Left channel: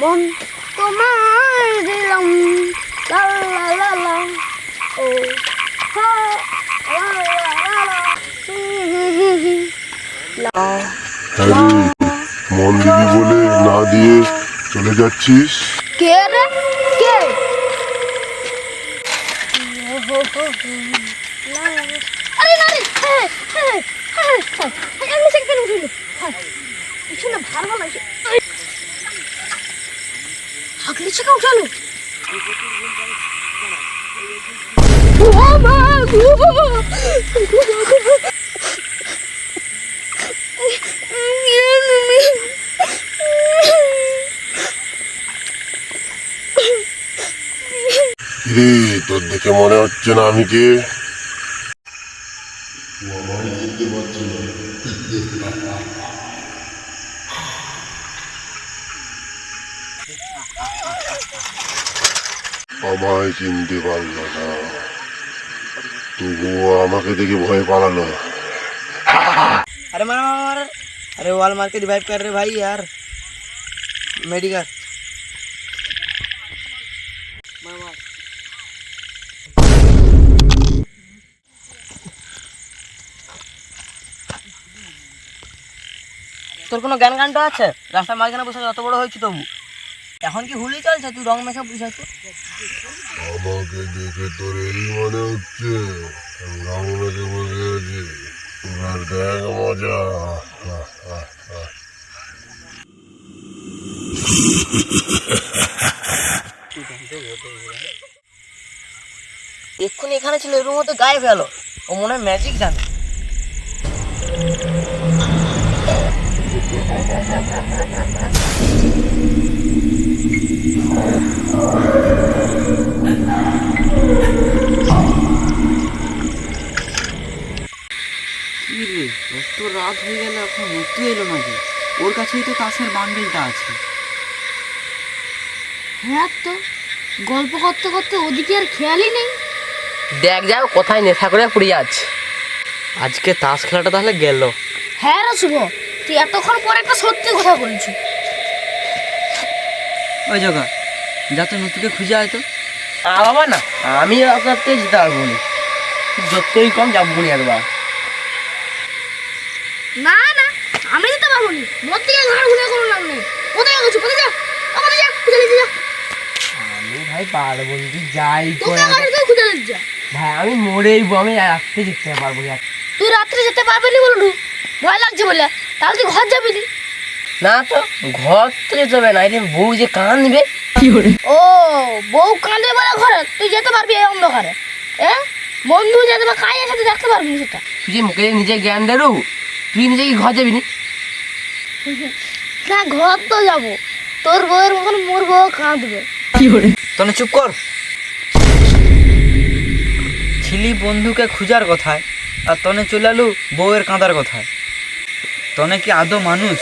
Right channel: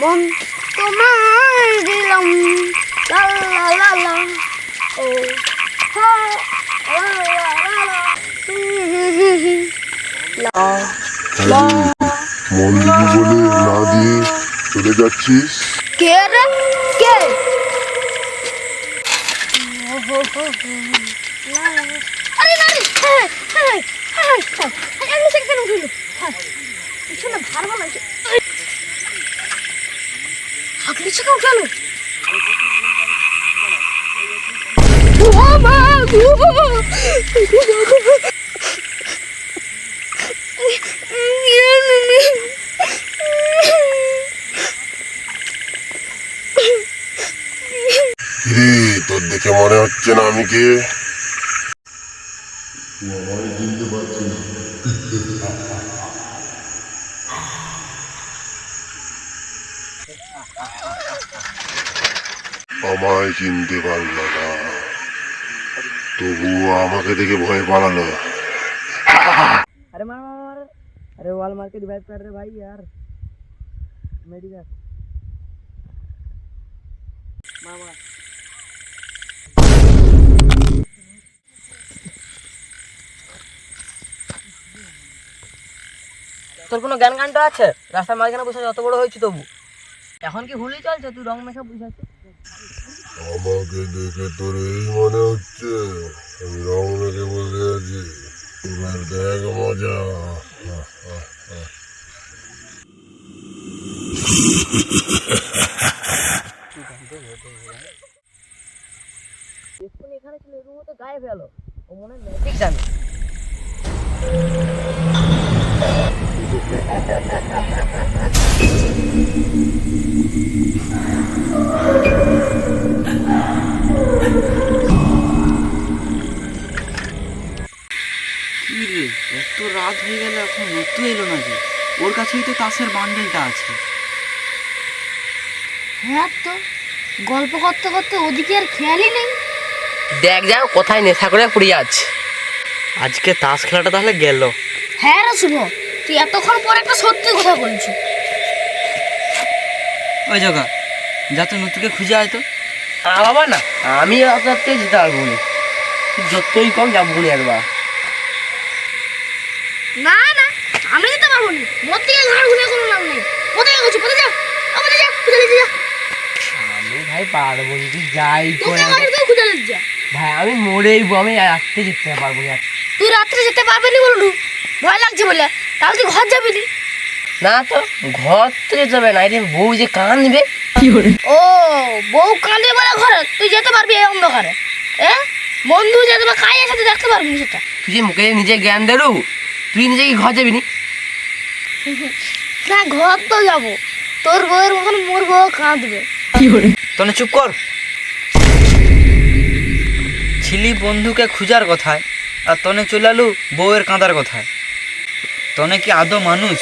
মন তোমায় দিলাম লা লা লা লা ও হা লা লা লা লা মন দিবি বলে না দিয়ে চলে যাচ্ছিস? কে রে কে? আরে না রে আমি সেখানে উঠিল পিছনে ভার বানাইছে হাগলি থেকে উঠালো ও মা রে তোর দেখে মনে হচ্ছে না আমি কে? চিনতে পারছি না। আমায় চিনতে পারল না, তবুও আমাকে দেখে ভয় পালালো। अरे मार मार मार अरे वॉल मार के रिवाइव कर रहे भाई यार मेडिकल मार मार তোর কোনো জ্ঞান কাণ্ড আছে? রাস্তার মাঝখানে বসে অত বড় হয়েছে তবু এখন কি হুলি চলছে? তুই রং মেখে বসে আছিস। আমাকে দেখে তোর এই মনে হচ্ছে আমি রং মেখে বসে আছি? এবার দেখ মজা। এক্ষুনি এখানে ছিল এর মধ্যে গায়ে ফেলো, ও মনে হয় ম্যাজিক জানে। কি রে, এত রাত হয়ে গেল এখন রুতু এলো না যে? ওর কাছেই তো তাসের বান্ডেলটা আছে। হ্যাঁ তো গল্প করতে করতে ওদিকে আর খেয়ালই নেই। দেখ যাও কোথায় নেশা করে পড়ে আছে। আজকে তাস খেলাটা তাহলে গেল। হ্যাঁ রে শুভ, তুই এতক্ষণ পর একটা সত্যি কথা বলছো। ওই জগা যা তো নতুকে খুঁজে আয় তো। বাবা না, আমি অত রাত্রে যেতে পারবো না, যতই কম যাবো না একবার। না না আমি যেতে পারবো না, মোর থেকে ঘাড় ঘুরে কোনো নাম নেই। কোথায় গেছো? কোথায় যা, কোথায় যা, খুঁজে নিতে যা। আমি ভাই পারবো না, তুই যাই কোথায় গেছো খুঁজে নিতে যা। ভাই আমি মরেইবো, আমি রাত্রে যেতে পারবো না। তুই রাত্রে যেতে পারবি না বললু, ভয় লাগছে বলে, তাহলে তুই ঘর যাবি না। না তো ঘর তো যেতে হবে না, এটা বউ যে কাঁদবে। ও বউ কাঁদে বলে ঘরে তুই যেতে পারবি এই অন্ধকারে? বন্ধু যেতে বা খাই সাথে দেখতে পারবি না সেটা। তুই যে মুখে নিজে জ্ঞান দেরু, তুই নিজে কি ঘর যাবি নি? না ঘর তো যাবো, তোর বউয়ের মতন মোর বউ কাঁদবে। তনে চুপ কর। ছিলি বন্ধুকে খুঁজার কথায় আর তনে চলে আলু বউয়ের কাঁদার কথায়। তনে কি আদৌ মানুষ?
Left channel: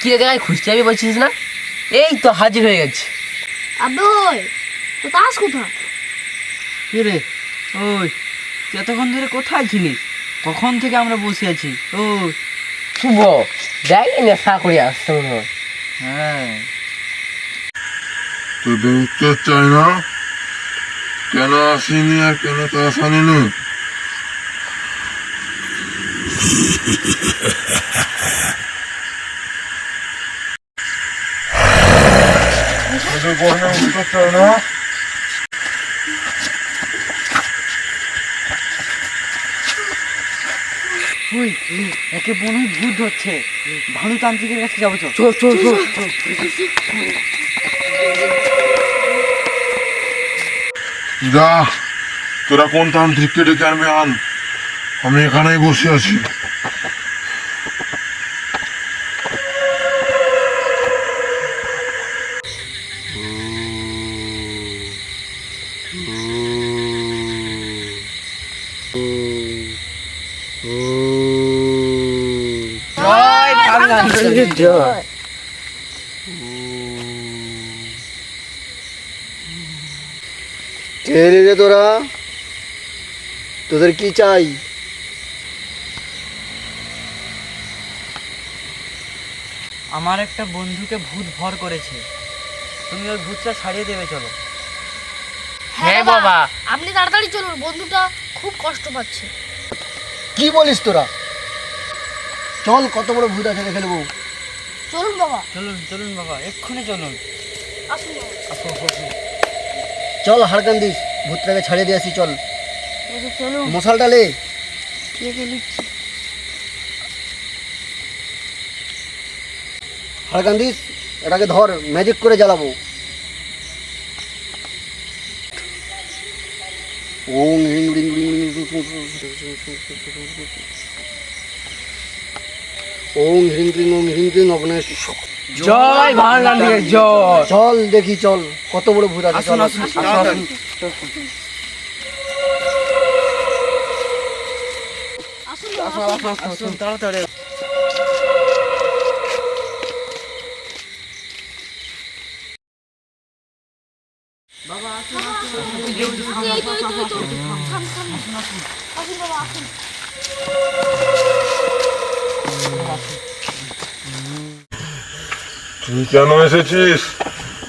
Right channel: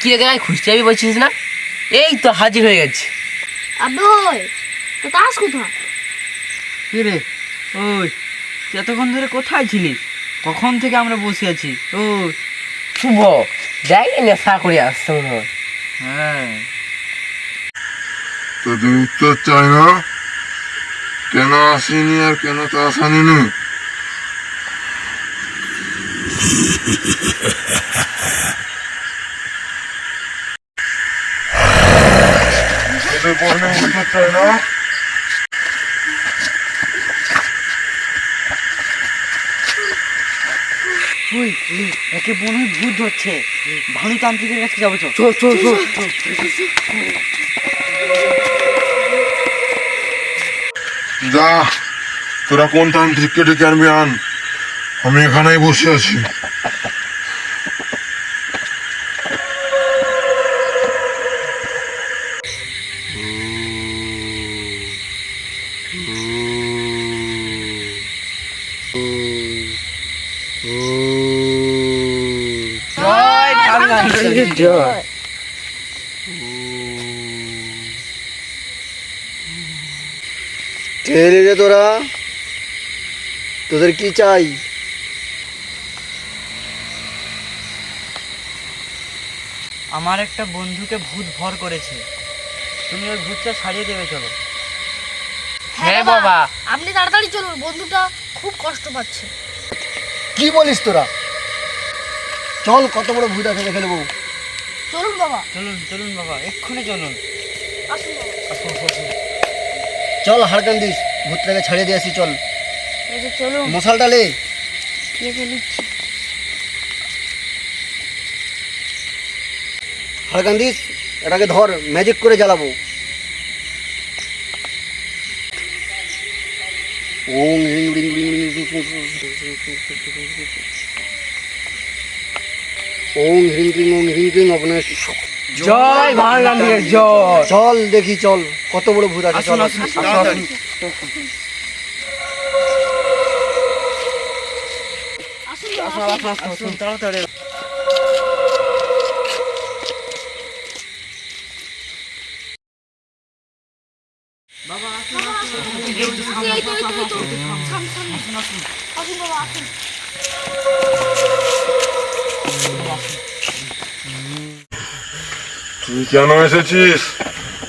কি রে দেখাই খুঁজতে যাবি বলছিস না? এই তো হাজির হয়ে গেছে। আবে তো তাস কোথায়? কি রে ওই তুই এতক্ষণ ধরে কোথায় ছিলিস? কখন থেকে আমরা বসে আছি। ও শুভ দেখ নেশা করে আসছে মনে হয়। হ্যাঁ, তোদের উত্তর চাই না, কেন আসিনি আর কেন তাস আনিনি? তোদের বললে উত্তর চাই না? ওই একে মনে হয় ভূত ধরছে। ভানুতান্ত্রিকের কাছে যাবো। চল চল চল চল। যা, তোরা কোন তান্ত্রিককে ডেকে আনবি আন, আমি এখানেই বসে আছি। জয়। কে রে তোরা? তোদের কি চাই? আমার একটা বন্ধুকে ভূত ভর করেছে, তুমি ওই ভূতটা ছাড়িয়ে দেবে চলো। হ্যাঁ বাবা, আপনি তাড়াতাড়ি চলুন, বন্ধুটা খুব কষ্ট পাচ্ছে। কি বলিস তোরা? চল, কত বড় ভূত আছে দেখে নেবো। চলুন বাবা, চলুন চলুন বাবা, এক্ষুনি চলুন। আসুন বাবা। আসো আসো, আসো। চল হারকান্দিস, ভূতটাকে ছাড়িয়ে দিয়ে আসি। চল, এই যে চলুন, মশালটা লে। দিয়ে দিচ্ছি। হারকান্দিস, এটাকে ধর, ম্যাজিক করে জ্বালাবো। ওং রিং রিং রিং রিং ওং রিং রিং ওং রিং রিং আপনার। জয় ভারগান্ধিকে জয়। চল দেখি, চল কত বড় ভূত আছে। আসুন চল, আসুন তাড়াতাড়ি। আসুন বাবা, আসুন। আসুন তাড়াতাড়ি। এই তো, সামনে। আসুন বাবা, আসুন। তুই কেন এসেছিস?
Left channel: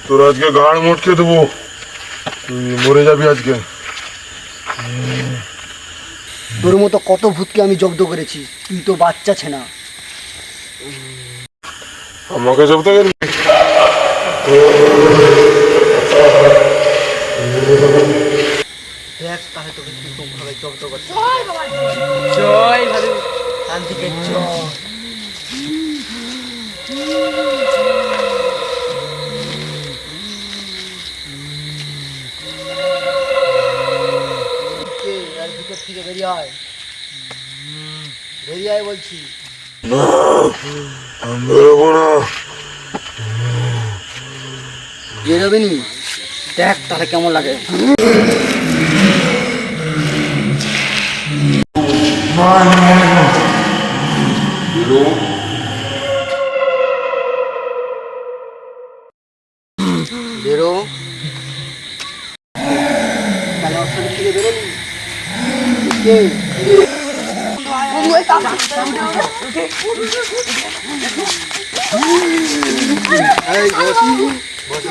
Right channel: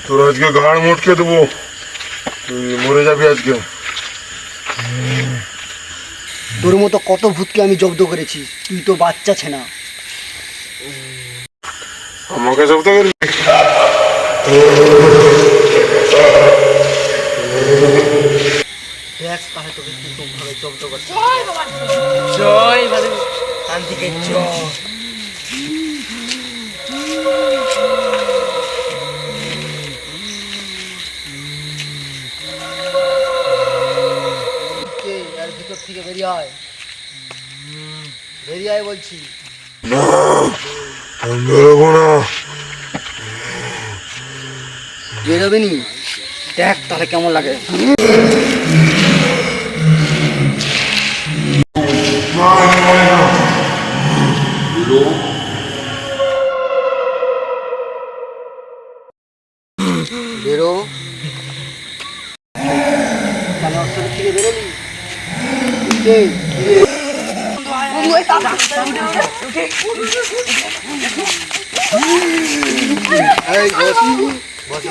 তোর আজকে ঘাড় মুটকে দেবো, তুই মরে যাবি আজকে। তোর মতো কত ভূতকে আমি জব্দ করেছি, তুই তো বাচ্চা ছেনা। আমাকে জব্দ করবি? দেখ তাহলে তোকে কিরকম ভাবে জব্দ করছে। জয় বাবা, জয়। জয় ভারগান্ধিকে জয়। কে এর ভিতর থেকে বেরিয়ে আয়, বেরিয়ে আয় বলছি। না, আমি বেরোবো না। বেরোবি নি? দেখ তাহলে কেমন লাগে। বেরো। তাহলে ওর শরীর থেকে বেরোলি? কে? এই বস, বস,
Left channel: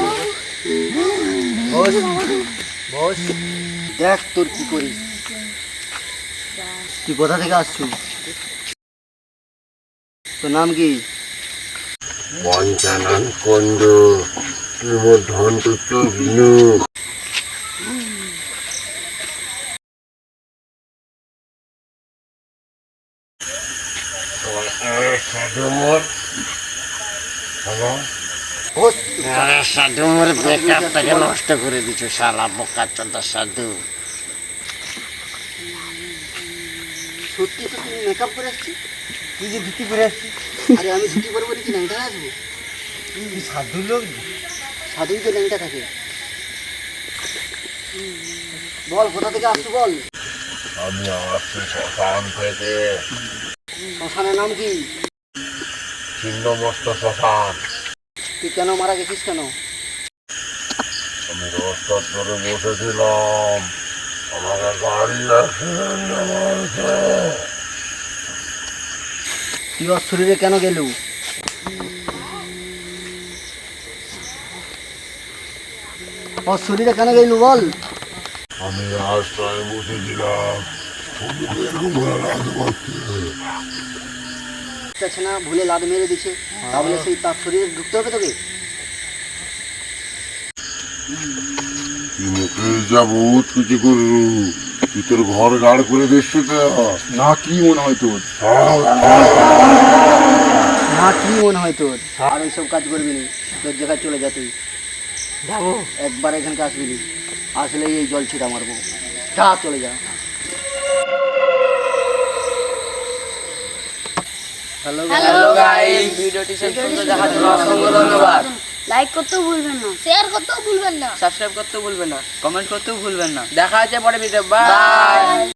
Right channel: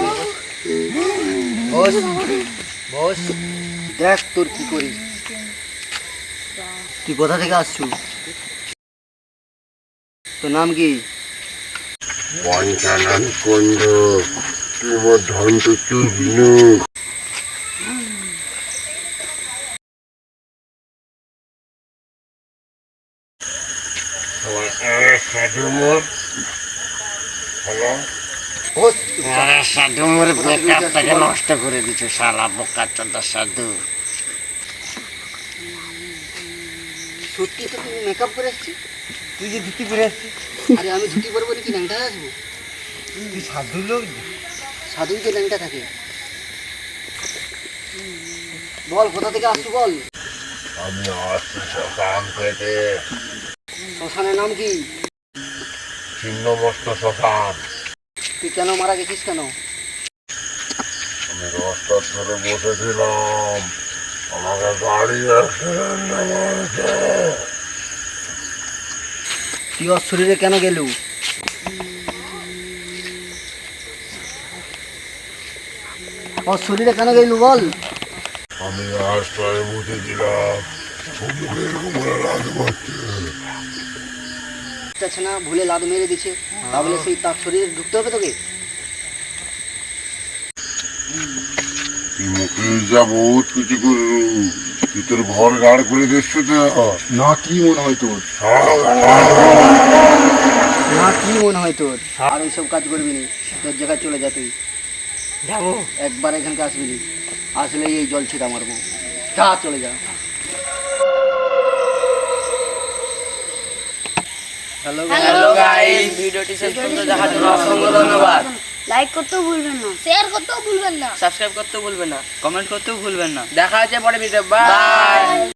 বস, বস। দেখ তোর কি করি। তুই কোথা থেকে আসছু? তোর নাম কি? পঞ্চানন কুণ্ড কিমধ্যান্ত বিনু। বস। আরে সাধু মোর বেকআপটাকে নষ্ট করে দিছো শালা বোকা চোদা সাধু। সত্যি তো তুমি মেকআপ করে আসছি। তুই যে ধুতি পরে আসছিস, আরে আমি ছুটি করবো নাকি ল্যাংটা আসবো? তুই সাধু লোক। সাধুই তো ল্যাংটা থাকে। বল কোথা থেকে আসছু বল। আমি আসছি শ্মশান থেকে। শ্মশানের নাম কি? ছিন্নমস্ত শ্মশান। তুই কেন মারা গেছিস কেন? আমি রাস্তার ধরে বসেছিলাম, আমাকে গাড়ি অ্যাক্সিডেন্টে মারছে। তুই ওর শরীরে কেন গেলু? ওর শরীরে কেন গেলু বল। আমি রাস্তায় বসেছিলাম, সম্মুখে এরকম করে রাত মারছে। যাচ্ছে না, ভুলে লাদ মেরে দিছে, তাহলে সেই তার শরীরে ঢুকতে হবে তোকে? মুখে যা বহুত কিছু করলু, তুই তোর ঘর গাড় করে দিচ্ছি তো। না, কি মনে হয় তোর? না, কি মনে হয় তোর? আর ওইসব কাজ করবি নি, তোর জায়গায় চলে যা। তুই যাবো। একবার এখানকে আসবি নি, আসলেই এই জল ছিটা মারবো। যা, চলে যা। হ্যালো গাইস, ভিডিওটি শেষ পর্যন্ত দেখার জন্য অসংখ্য ধন্যবাদ। লাইক করতেও ভুলবেন না, শেয়ার করতেও ভুলবেন না। সাবস্ক্রাইব করতেও ভুলবেন না, কমেন্ট করতেও ভুলবেন না। দেখা হচ্ছে পরে ভিডিও। বাই।